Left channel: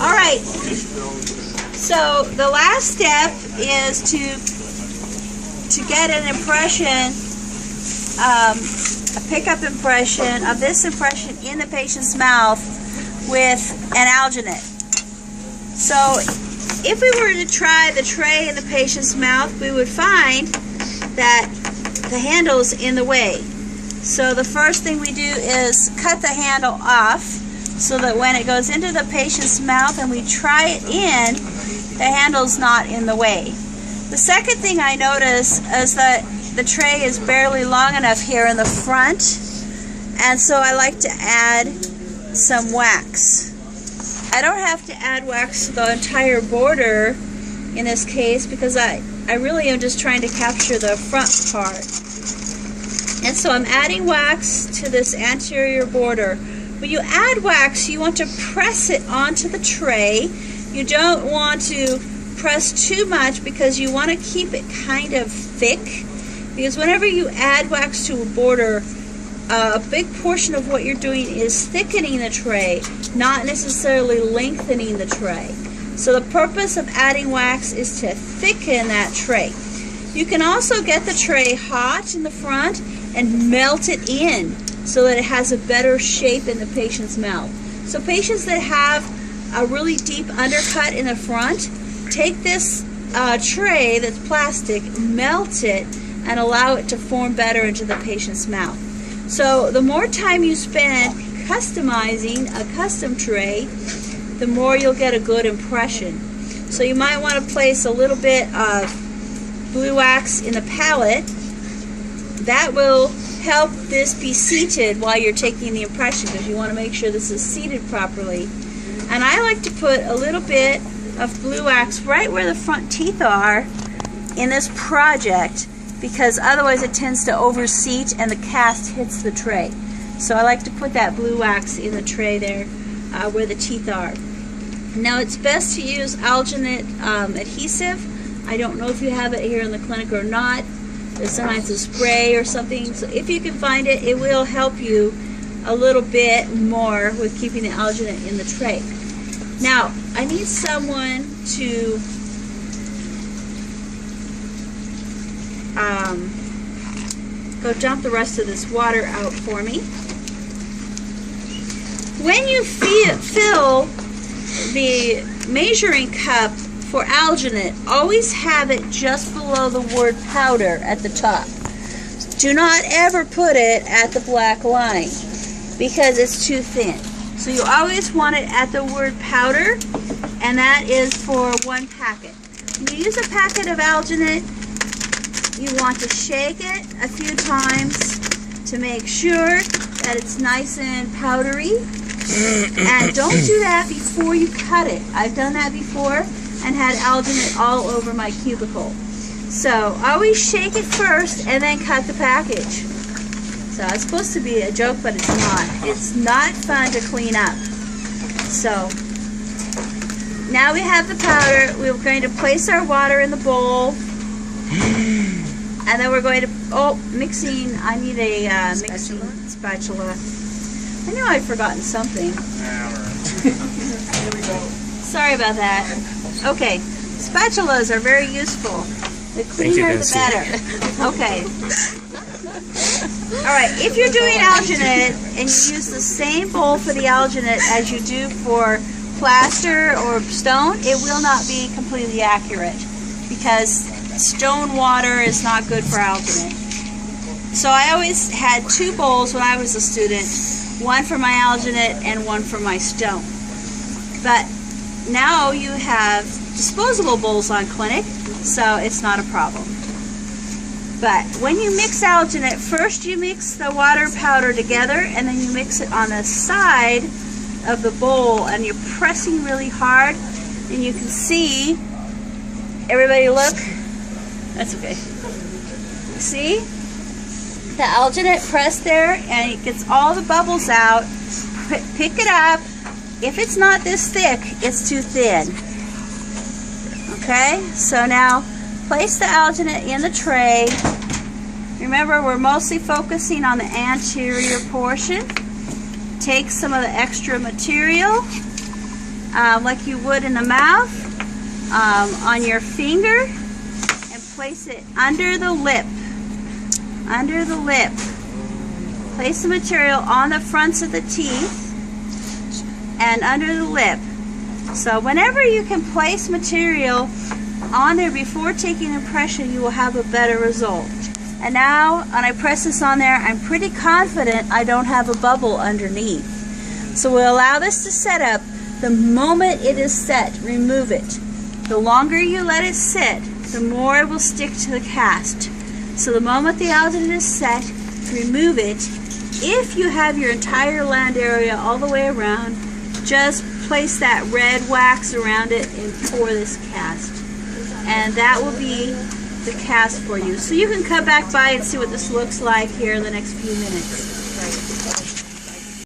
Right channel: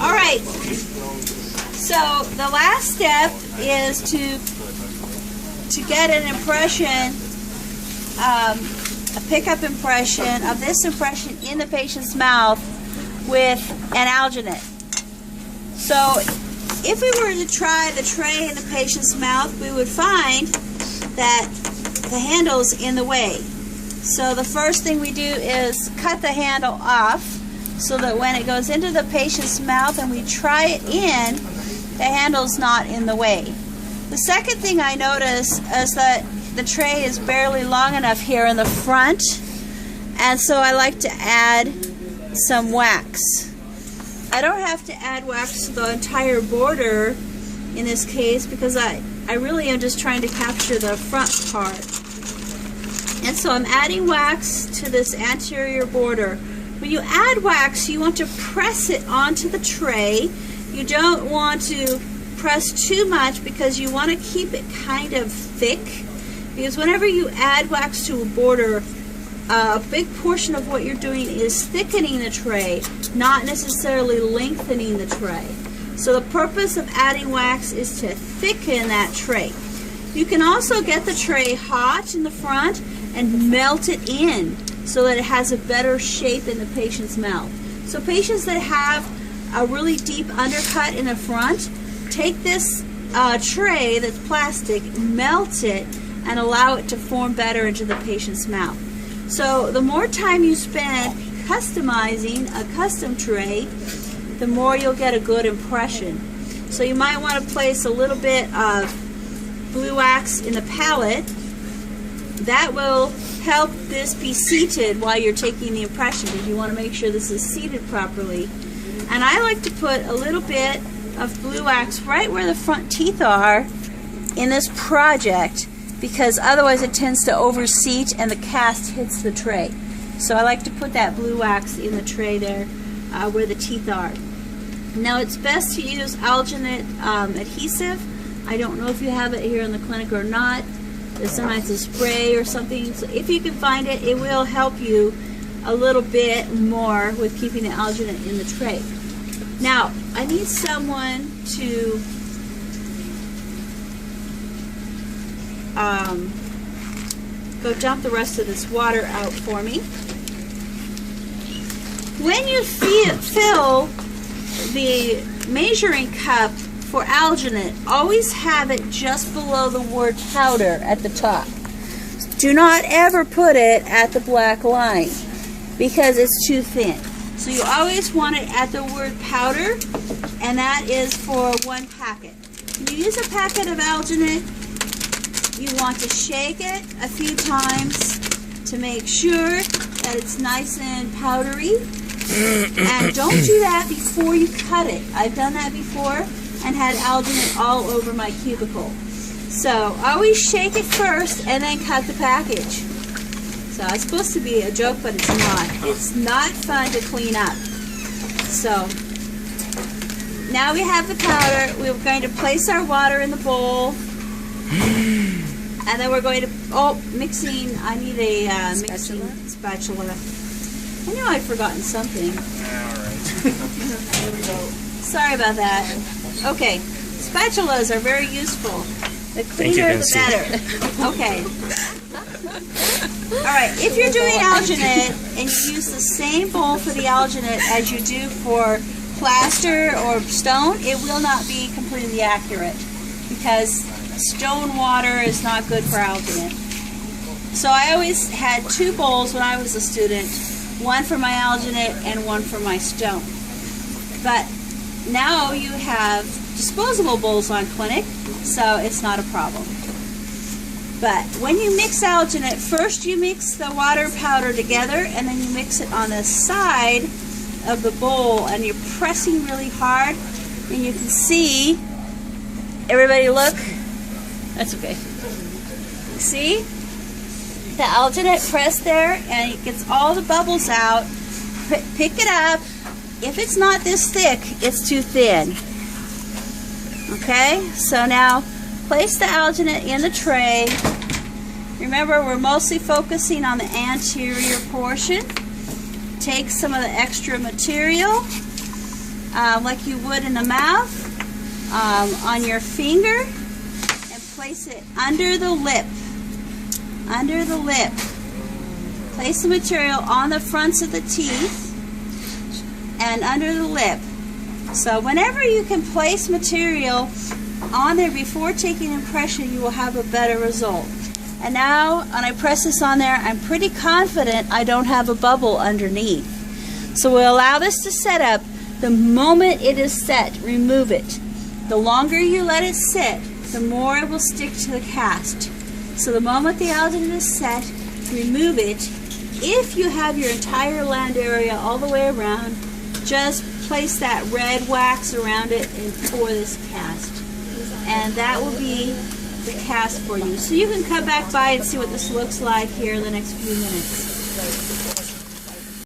All right. So the last step is to get an impression, a pickup impression of this impression in the patient's mouth with an alginate. So if we were to try the tray in the patient's mouth, we would find that the handle's in the way. So the first thing we do is cut the handle off so that when it goes into the patient's mouth and we try it in, the handle's not in the way. The second thing I notice is that the tray is barely long enough here in the front, and so I like to add some wax. I don't have to add wax to the entire border in this case because I really am just trying to capture the front part. And so I'm adding wax to this anterior border. When you add wax, you want to press it onto the tray. You don't want to press too much because you want to keep it kind of thick. Because whenever you add wax to a border, a big portion of what you're doing is thickening the tray, not necessarily lengthening the tray. So the purpose of adding wax is to thicken that tray. You can also get the tray hot in the front and melt it in so that it has a better shape in the patient's mouth. So patients that have a really deep undercut in the front, take this tray that's plastic, melt it, and allow it to form better into the patient's mouth. So the more time you spend customizing a custom tray, the more you'll get a good impression. So you might want to place a little bit of blue wax in the palate. That will help this be seated while you're taking the impression, because you want to make sure this is seated properly. And I like to put a little bit of blue wax right where the front teeth are in this project, because otherwise it tends to overseat and the cast hits the tray. So I like to put that blue wax in the tray there where the teeth are. Now it's best to use alginate adhesive. I don't know if you have it here in the clinic or not. There's sometimes a spray or something. So if you can find it, it will help you a little bit more with keeping the alginate in the tray. Now, I need someone to go dump the rest of this water out for me. When you fill the measuring cup for alginate, always have it just below the word powder at the top. Do not ever put it at the black line because it's too thin. So you always want it at the word powder, and that is for 1 packet. When you use a packet of alginate, you want to shake it a few times to make sure that it's nice and powdery. And don't do that before you cut it. I've done that before and had alginate all over my cubicle. So always shake it first and then cut the package. So it's supposed to be a joke, but it's not. It's not fun to clean up. So now we have the powder. We're going to place our water in the bowl. And then we're going to, mixing, I need a mixing spatula. I knew I'd forgotten something. Sorry about that. Okay, spatulas are very useful. The cleaner the better. Okay. Alright, if you're doing alginate and you use the same bowl for the alginate as you do for plaster or stone, it will not be completely accurate because stone water is not good for alginate. So I always had 2 bowls when I was a student, one for my alginate and one for my stone. But now you have disposable bowls on clinic, so it's not a problem. But when you mix alginate, first you mix the water powder together and then you mix it on the side of the bowl and you're pressing really hard, and you can see, everybody look, that's okay. See? The alginate pressed there and it gets all the bubbles out. Pick it up. If it's not this thick, it's too thin. Okay, so now place the alginate in the tray. Remember, we're mostly focusing on the anterior portion. Take some of the extra material like you would in the mouth, on your finger, and place it under the lip. Under the lip. Place the material on the fronts of the teeth and under the lip. So whenever you can place material on there before taking impression, you will have a better result. And now, when I press this on there, I'm pretty confident I don't have a bubble underneath. So we'll allow this to set up. The moment it is set, remove it. The longer you let it sit, the more it will stick to the cast. So the moment the alginate is set, remove it. If you have your entire land area all the way around, just place that red wax around it and pour this cast. And that will be the cast for you. So you can come back by and see what this looks like here in the next few minutes.